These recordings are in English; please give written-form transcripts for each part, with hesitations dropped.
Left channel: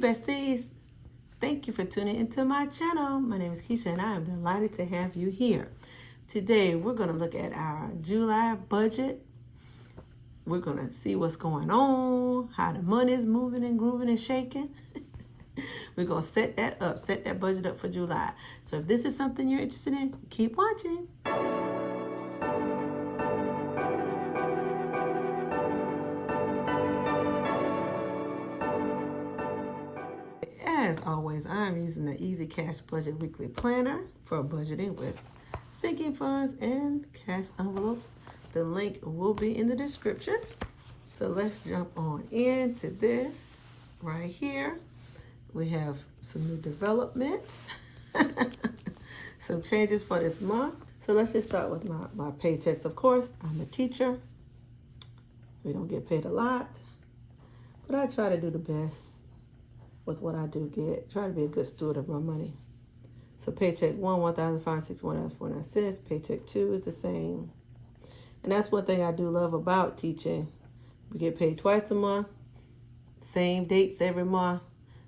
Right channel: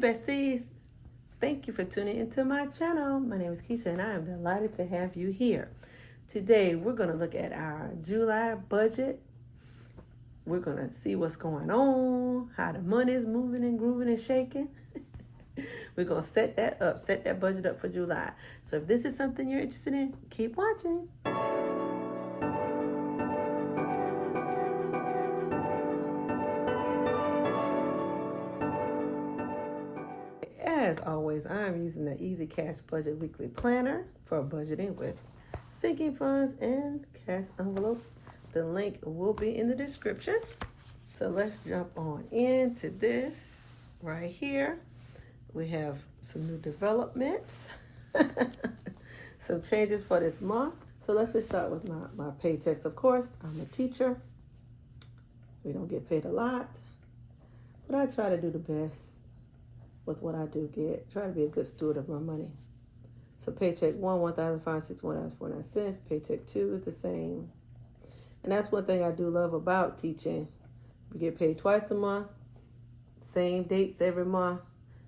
besties, thank you for tuning into my channel. My name is Keycha and I am delighted to have you here. Today we're going to look at our July budget. We're going to see what's going on, how the money is moving and grooving and shaking. We're going to set that budget up for July. So if this is something you're interested in, keep watching. As always, I'm using the Easy Cash Budget Weekly Planner for budgeting with sinking funds and cash envelopes. The link will be in the description. So let's jump on into this right here. We have some new developments, some changes for this month. So let's just start with my paychecks. Of course, I'm a teacher. We don't get paid a lot, but I try to do the best with what I do get. Try to be a good steward of my money. So paycheck 1, $1,561.49. Paycheck 2 is the same. And that's one thing I do love about teaching. We get paid twice a month, same dates every month,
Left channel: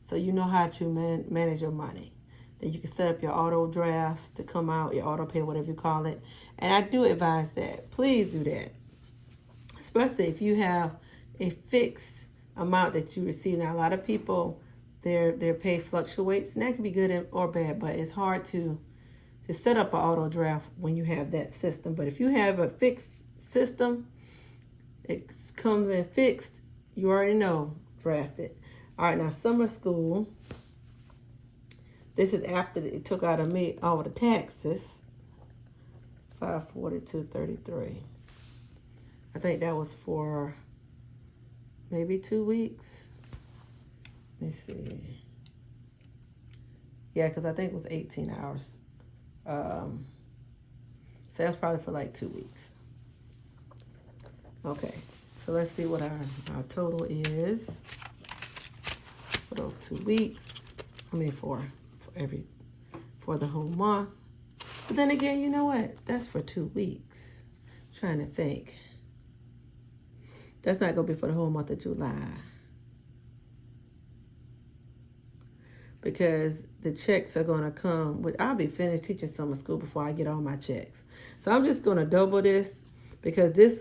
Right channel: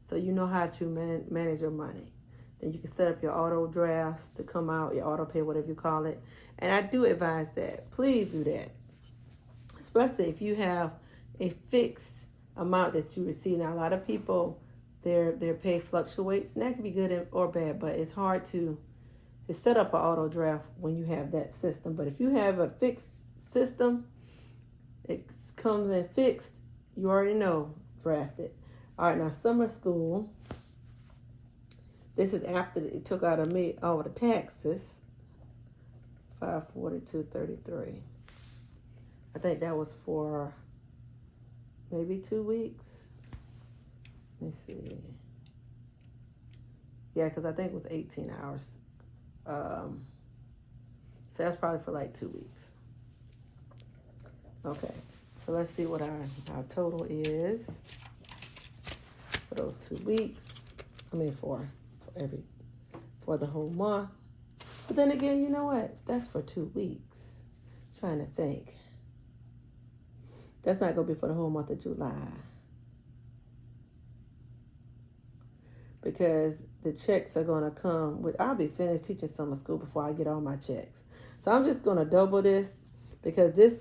so you know how to manage your money. Then you can set up your auto drafts to come out, your auto pay, whatever you call it. And I do advise that. Please do that. Especially if you have a fixed amount that you receive. Now, a lot of people, their pay fluctuates, and that can be good or bad, but it's hard to set up an auto draft when you have that system. But if you have a fixed system, it comes in fixed, you already know, draft it. All right, now summer school, this is after it took out of me all the taxes, $542.33. I think that was for maybe 2 weeks. Let me see. Yeah, because I think it was 18 hours. So that's probably for like 2 weeks. Okay, so let's see what our total is for those 2 weeks. I mean for the whole month. But then again, you know what? That's for 2 weeks. I'm trying to think. That's not gonna be for the whole month of July. Because the checks are gonna come with, I'll be finished teaching summer school before I get all my checks. So I'm just gonna double this because this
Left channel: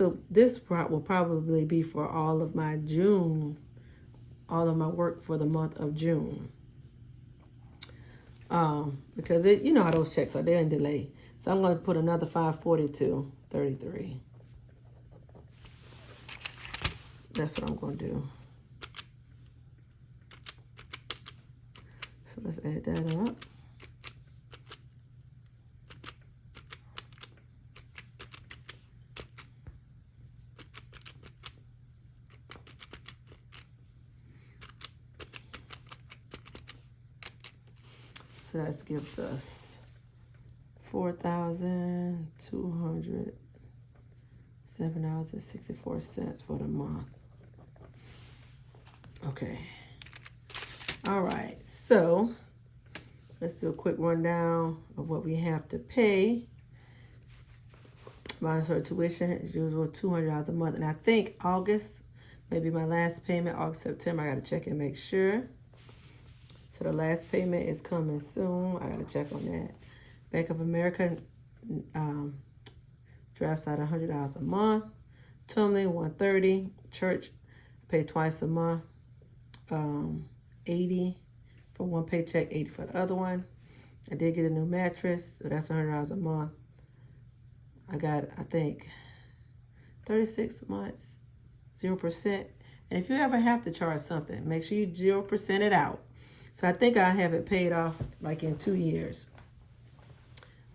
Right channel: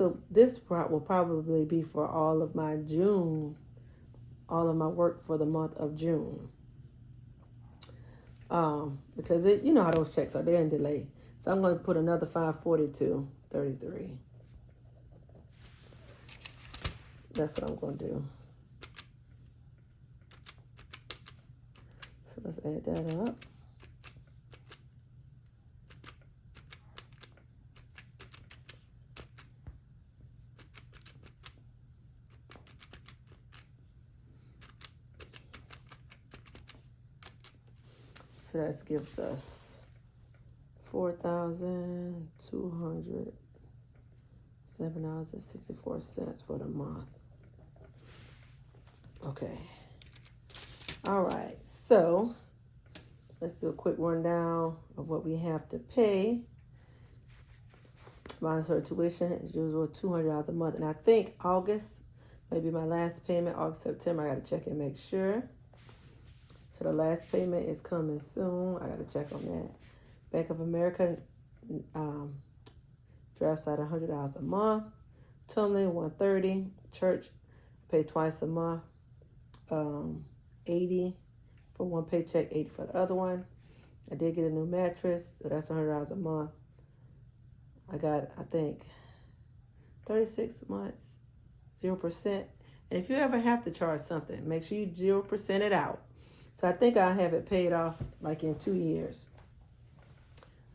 part will probably be for all of my June, all of my work for the month of June. Because you know how those checks are, they're in delay. So I'm gonna put another $542.33. That's what I'm gonna do. So let's add that up. So that gives us $4,207.64 for the month. Okay. All right, so let's do a quick rundown of what we have to pay. Minus our tuition, as usual, $200 a month. And I think August may be my last payment, August, September. I got to check and make sure. So the last payment is coming soon. I got to check on that. Bank of America drafts out $100 a month. Tumbling, $130. Church, pay twice a month. $80 for one paycheck, $80 for the other one. I did get a new mattress, so that's $100 a month. I got, I think, 36 months, 0%. And if you ever have to charge something, make sure you 0% it out. So I think I have it paid off like in 2 years.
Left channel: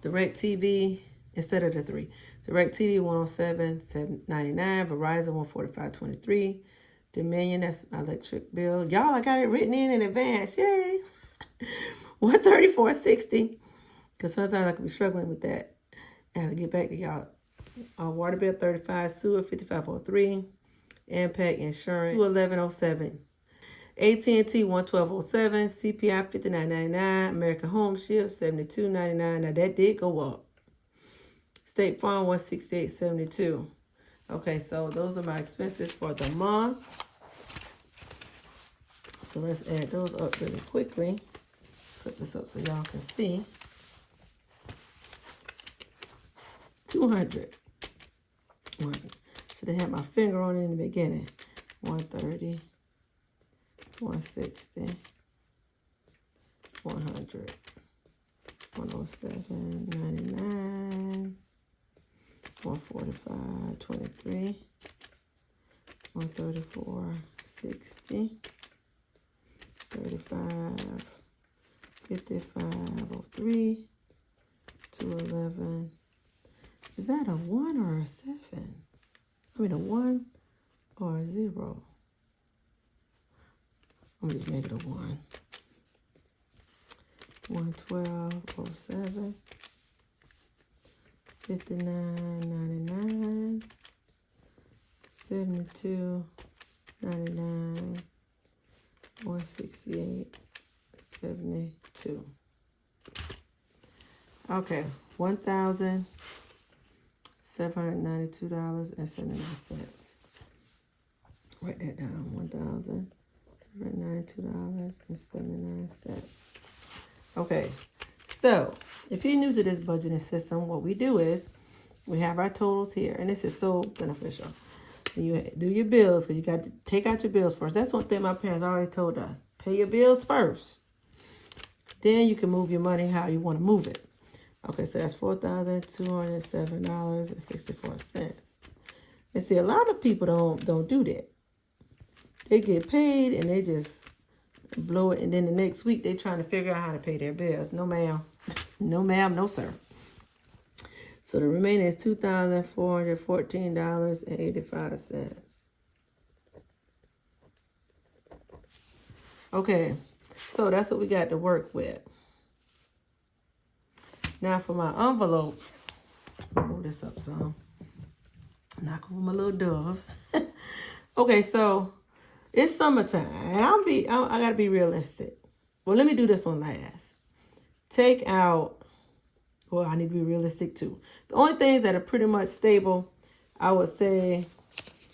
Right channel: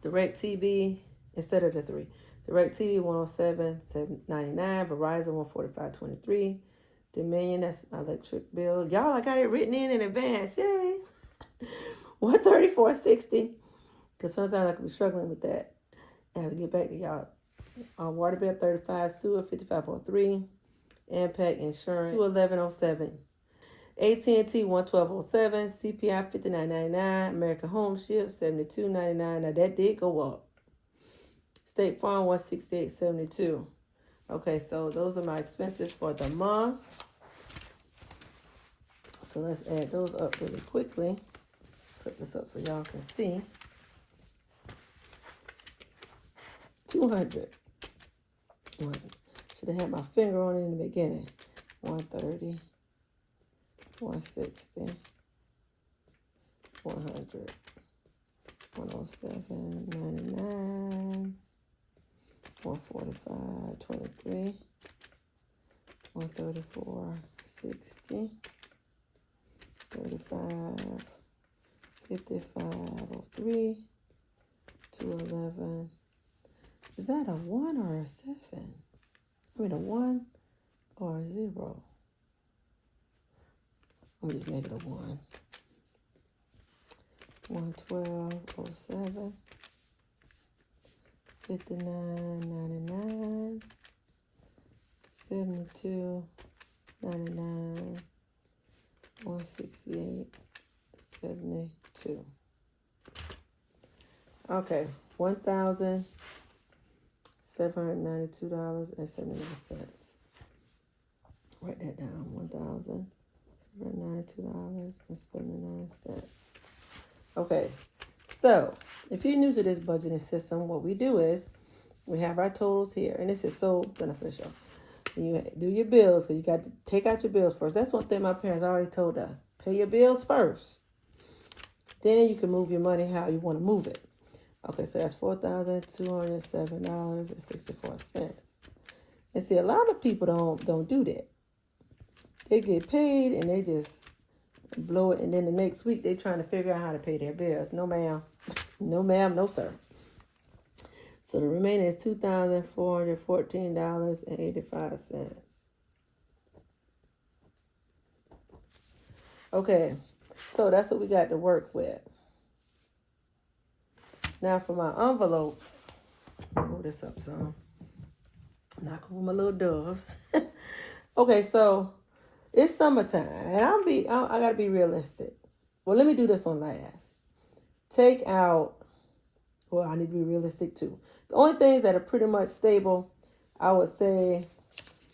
DirecTV, instead of the 3. DirecTV, $107.99. Verizon, $145.23. Dominion, that's my electric bill. Y'all, I got it written in advance. Yay. $134.60. Because sometimes I could be struggling with that. I have to get back to y'all. Water bill, $35. Sewer, $55.03. Impact Insurance, $211.07. AT&T, $112.07. CPI, $59.99. American Home Shield, $72.99. Now that did go up. State Farm, $168.72. Okay, so those are my expenses for the month. So let's add those up really quickly. Set this up so y'all can see. 200. Should have had my finger on it in the beginning. 130, 160, 100, 107, 99, 145, 23, 134, 60, 35, 55, 03, 211. Is that a 1 or a 7? I mean a 1 or a 0? I'm just make it a 1. 112, 07, 59, 99, 72, 99, 168, 72. Okay, $1,792.79. Write that down. $1,792.79. Okay, so if you're new to this budgeting system, what we do is we have our totals here, and this is so beneficial. You do your bills, because you got to take out your bills first. That's one thing my parents already told us. Pay your bills first. Then you can move your money how you want to move it. Okay, so that's $4,207.64. And see, a lot of people don't do that. They get paid and they just blow it, and then the next week they trying to figure out how to pay their bills. No ma'am, no ma'am, no sir. So the remaining is $2,414.85. Okay, so that's what we got to work with. Now for my envelopes, I'll move this up some. Knock over my little doves. Okay, so it's summertime, and I gotta be realistic. Well, let me do this one last. Take out. Well, I need to be realistic too. The only things that are pretty much stable, I would say,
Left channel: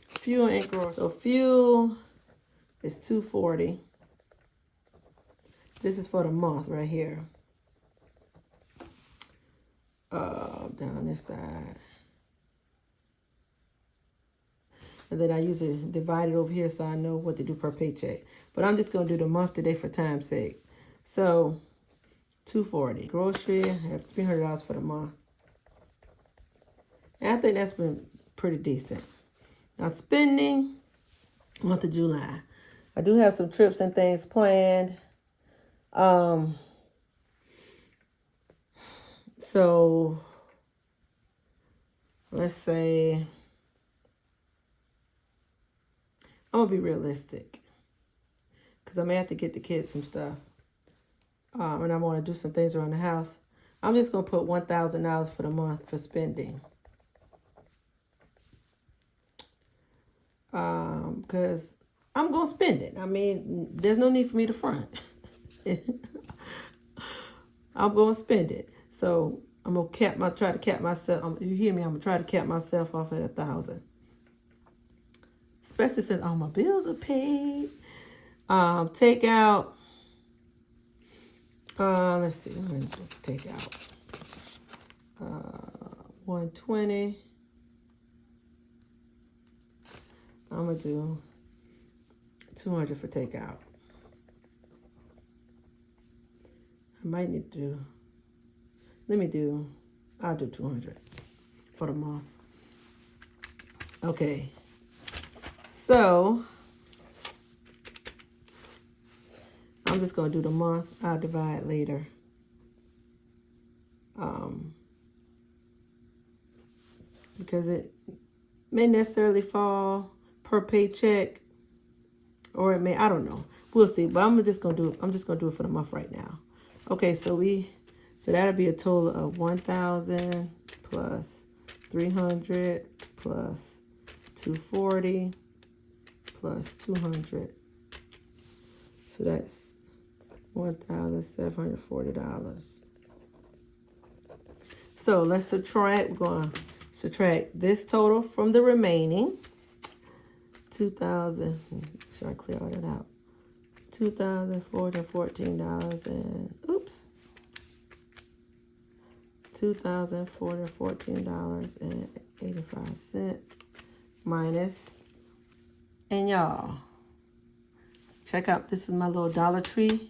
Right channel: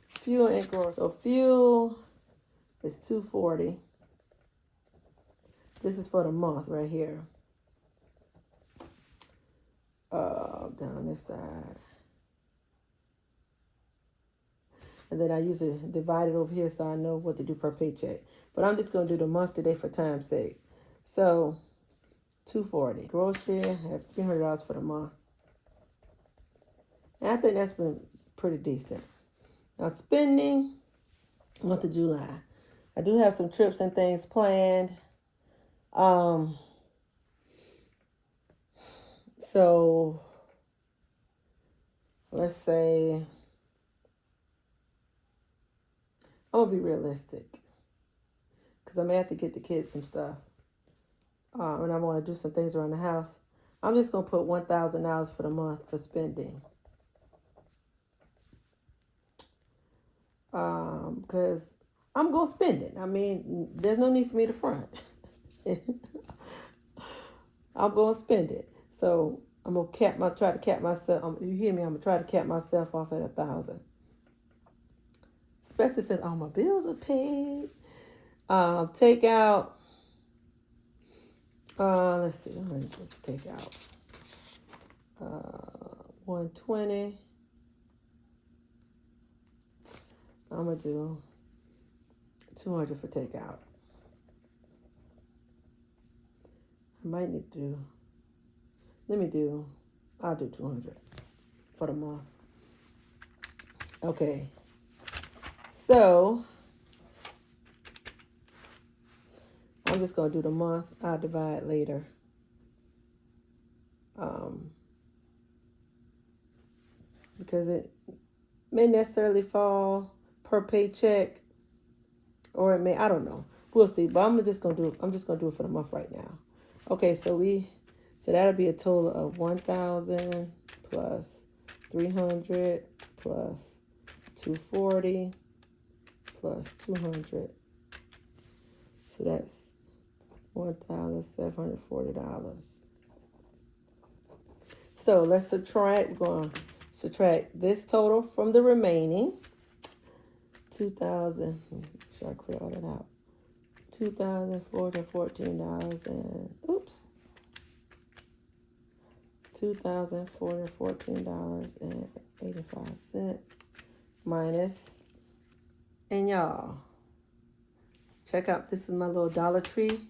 fuel and groceries. So fuel is $240. This is for the month right here. Down this side. And then I usually divide it over here so I know what to do per paycheck. But I'm just going to do the month today for time's sake. So, $240. Grocery, I have $300 for the month. And I think that's been pretty decent. Now, spending, month of July. I do have some trips and things planned. So, let's say, I'm going to be realistic, because I may have to get the kids some stuff, and I want to do some things around the house. I'm just going to put $1,000 for the month for spending, because I'm going to spend it. I mean, there's no need for me to front. I'm going to spend it. So I'm going to try to cap myself. You hear me? I'm going to try to cap myself off at $1,000. Especially since all my bills are paid. Take out. Let's see. Let me just take out. 120. I'm going to do 200 for takeout. I might need to do. I'll do 200 for the month. Okay. So, I'm just going to do the month. I'll divide later. Because it may necessarily fall per paycheck, or it may, I don't know. We'll see. But I'm just going to do it for the month right now. Okay, so that'll be a total of 1,000 plus 300 plus 240 plus 200. So that's $1,740. So let's subtract. We're going to subtract this total from the remaining 2,000. Make sure I clear all that out. $2,414 and oops. $2,414.85 minus, and y'all check out, this is my little Dollar Tree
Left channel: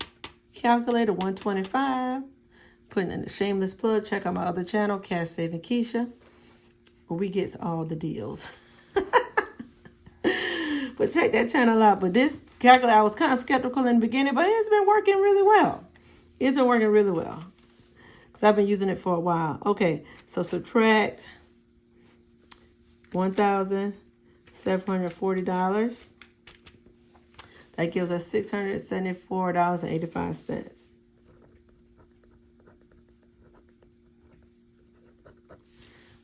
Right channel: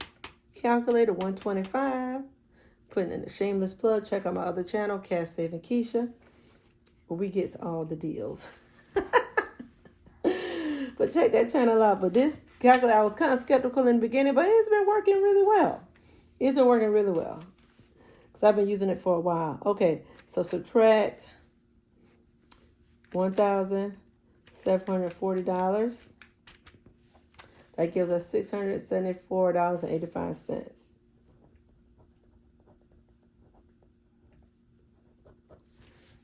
calculator, 125. Putting in the shameless plug, check out my other channel, Cash Saving Keycha, where we get all the deals. But check that channel out. But this calculator, I was kind of skeptical in the beginning, but it's been working really well. It's been working really well. Because I've been using it for a while. Okay, so subtract $1,740. That gives us $674.85.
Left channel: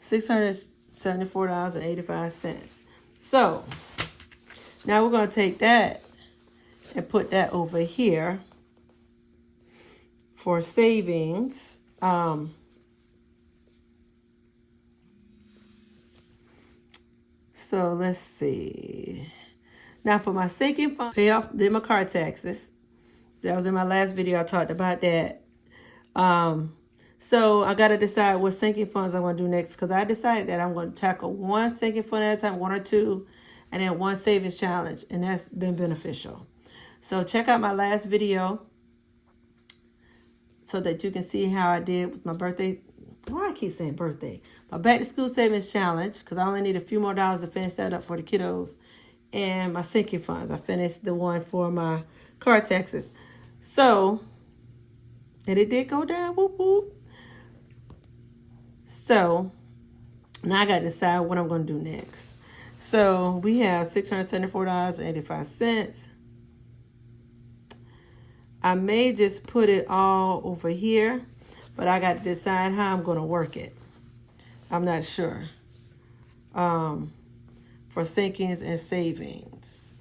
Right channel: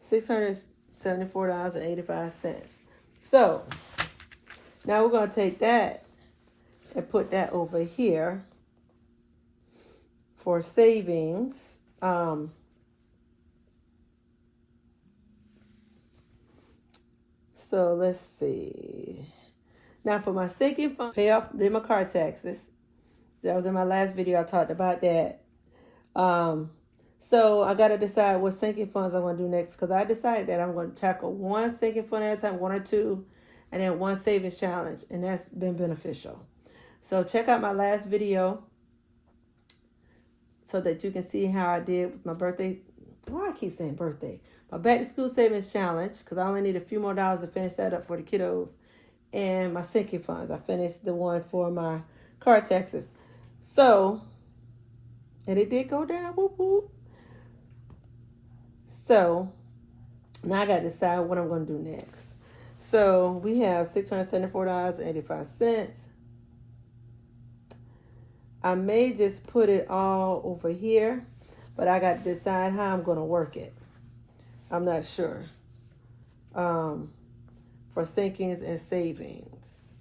$674.85. So now we're going to take that and put that over here for savings. So let's see. Now for my sinking fund, pay off my car taxes. That was in my last video. I talked about that. So I got to decide what sinking funds I'm going to do next, because I decided that I'm going to tackle one sinking fund at a time, one or two, and then one savings challenge, and that's been beneficial. So check out my last video so that you can see how I did with my birthday. Why I keep saying birthday? My back to school savings challenge, because I only need a few more dollars to finish that up for the kiddos. And my sinking funds. I finished the one for my car taxes. So, and it did go down. Whoop, whoop. So, now I got to decide what I'm going to do next. So, we have $674.85. I may just put it all over here, but I got to decide how I'm going to work it. I'm not sure. For sinkings and savings.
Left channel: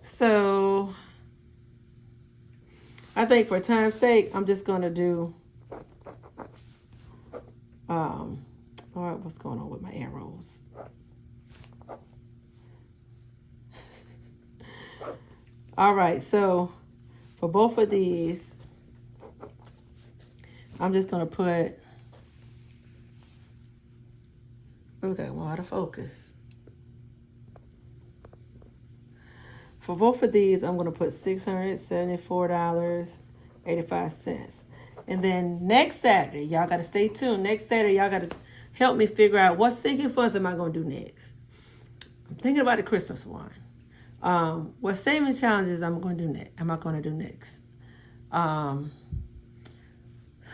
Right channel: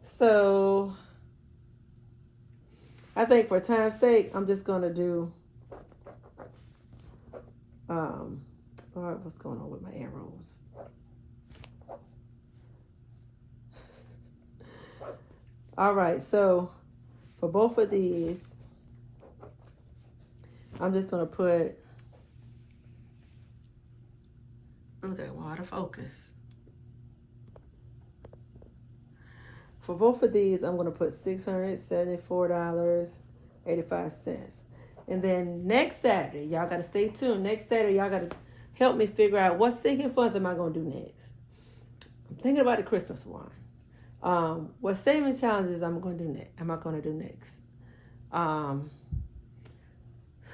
So, I think for time's sake, I'm just going to do, what's going on with my arrows? All right, so for both of these, I'm just going to put, look at water focus. For both of these, I'm going to put $674.85. And then next Saturday, y'all got to stay tuned. Next Saturday, y'all got to help me figure out what sinking funds am I going to do next. I'm thinking about the Christmas one. What saving challenges am I going to do next?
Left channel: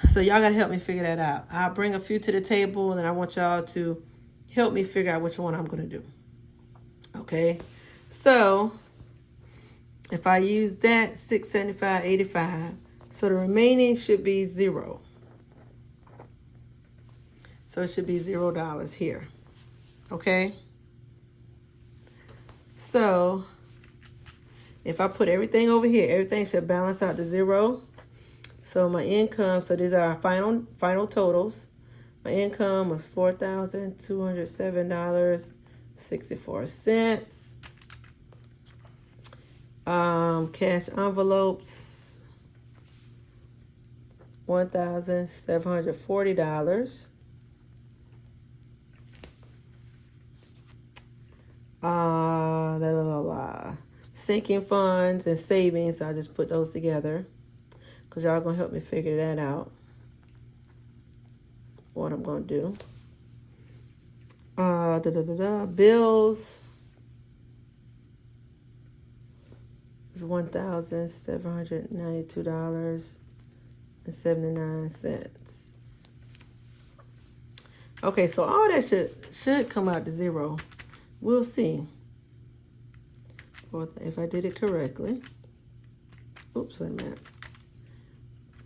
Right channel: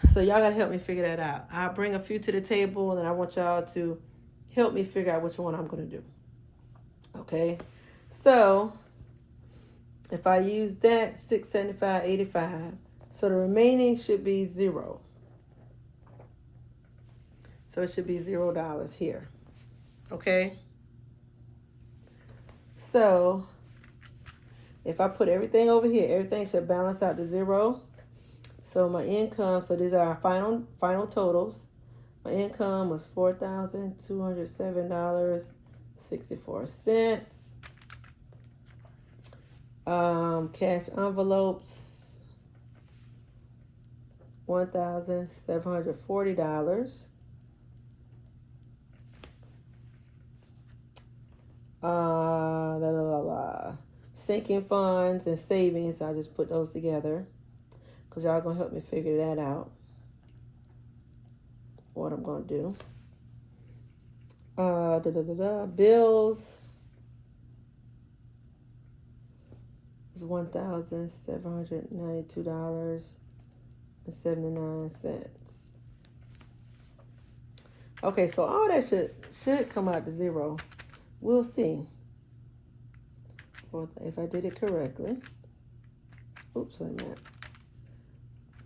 So y'all got to help me figure that out. I'll bring a few to the table, and I want y'all to help me figure out which one I'm going to do. Okay? So if I use that, $675.85, so the remaining should be $0. So it should be $0 here. Okay? So if I put everything over here, everything should balance out to 0. So my income, so these are our final totals. My income was $4,207.64. Cash envelopes, $1,740. Sinking funds and savings, so I just put those together because y'all gonna help me figure that out, what I'm gonna do. Bills is $1,792.79. Okay, so all that should come out to 0. We'll see if I did it correctly. Oops, wait a minute.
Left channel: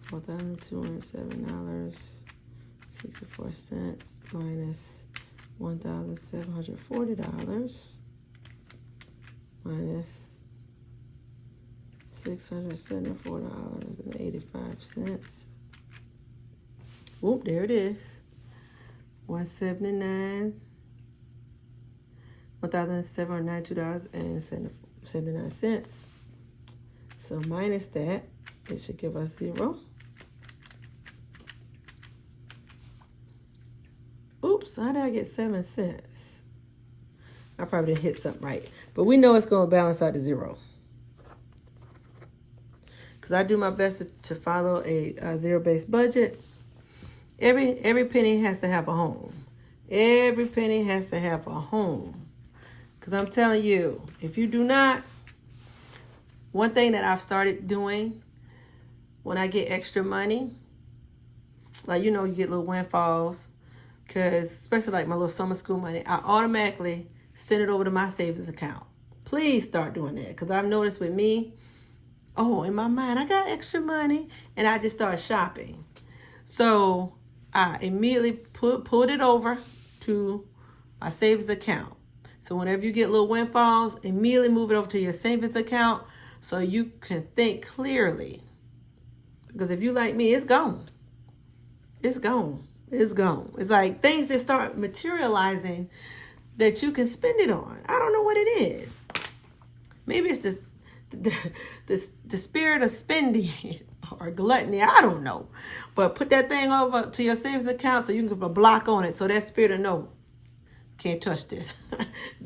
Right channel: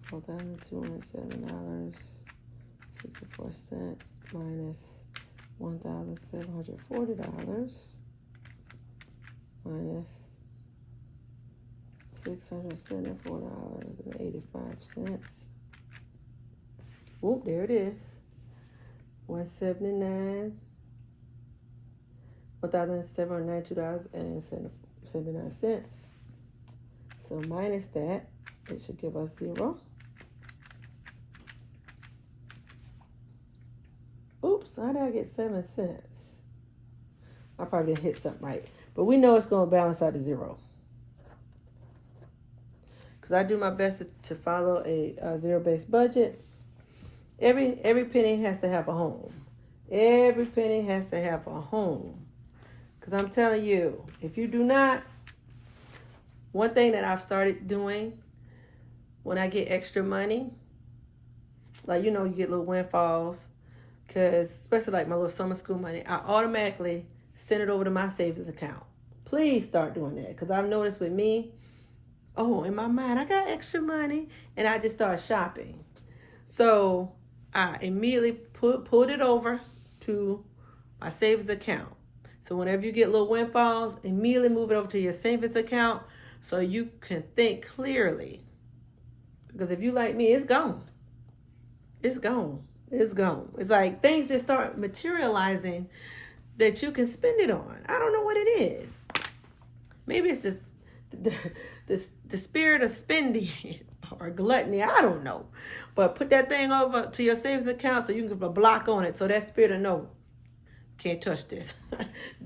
$4,207.64 minus $1,740 minus $674.85. Whoop, there it is. $1,792.79. So minus that, it should give us 0. Oops, how did I get 7 cents? I probably didn't hit something right. But we know it's going to balance out to 0. Because I do my best to follow a zero-based budget. Every penny has to have a home. Every penny has to have a home. Because I'm telling you, if you do not, one thing that I've started doing when I get extra money, like, you know, you get little windfalls, because especially like my little summer school money, I automatically send it over to my savings account. Please start doing that, because I've noticed with me, oh, in my mind, I got extra money, and I just start shopping. So I immediately pulled it over to my savings account. So whenever you get little windfalls, immediately move it over to your savings account so you can think clearly. Because if you like me, it's gone. It's gone. It's gone. It's like things just start materializing that you can spend it on. I don't know what it is. Maybe it's the spirit of spending or gluttony. I don't know. But put that thing over to your savings account so you can put a block on it so that spirit will know. Can't touch this.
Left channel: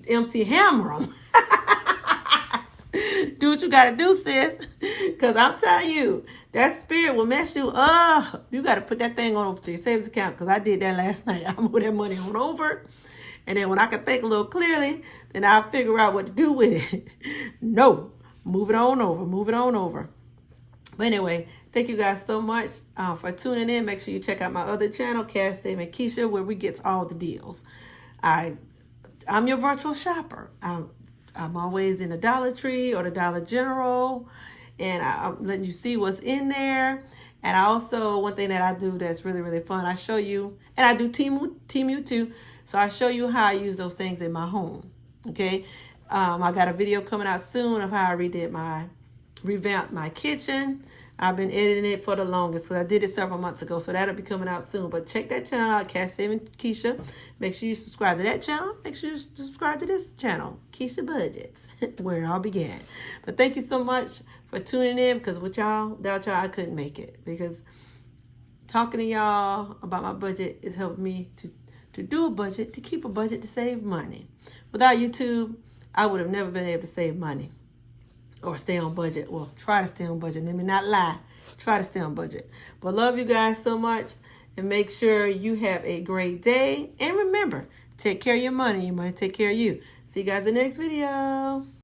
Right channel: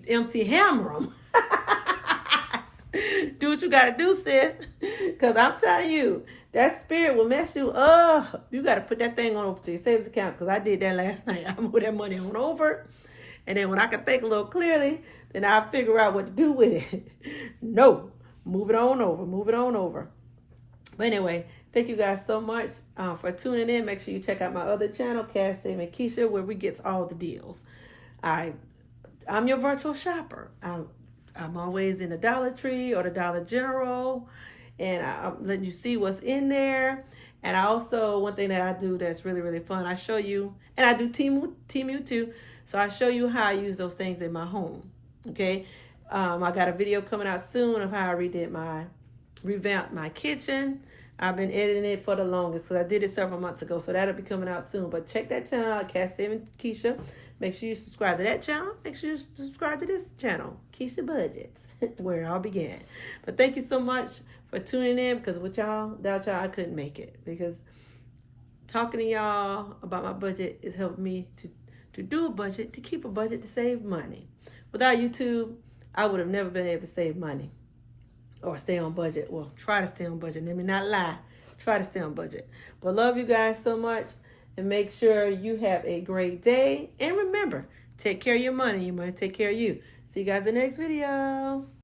MC Hammer 'em. Do what you got to do, sis. Because I'm telling you, that spirit will mess you up. You got to put that thing on over to your savings account, because I did that last night. I moved that money on over. And then when I can think a little clearly, then I'll figure out what to do with it. No, move it on over. Move it on over. But anyway, thank you guys so much for tuning in. Make sure you check out my other channel, Cash Dame and Keycha, where we get all the deals. I'm your virtual shopper. I'm always in the Dollar Tree or the Dollar General, and I'm letting you see what's in there. And I also, one thing that I do that's really, really fun, I show you, and I do Temu too, so I show you how I use those things in my home, okay? I got a video coming out soon of how I revamped my kitchen. I've been editing it for the longest because I did it several months ago, so that'll be coming out soon. But check that channel out, Cash Dame and Keycha. Make sure you subscribe to that channel. Make sure you subscribe to this channel, KeychaBudgets, where it all began. But thank you so much for tuning in, because without y'all, I couldn't make it. Because talking to y'all about my budget is helping me to do a budget, to keep a budget, to save money. Without YouTube, I would have never been able to save money or stay on budget. Well, try to stay on budget. Let me not lie. Try to stay on budget. But love you guys so much, and make sure you have a great day. And remember, take care of your money. Your money take care of you. See you guys in the next video.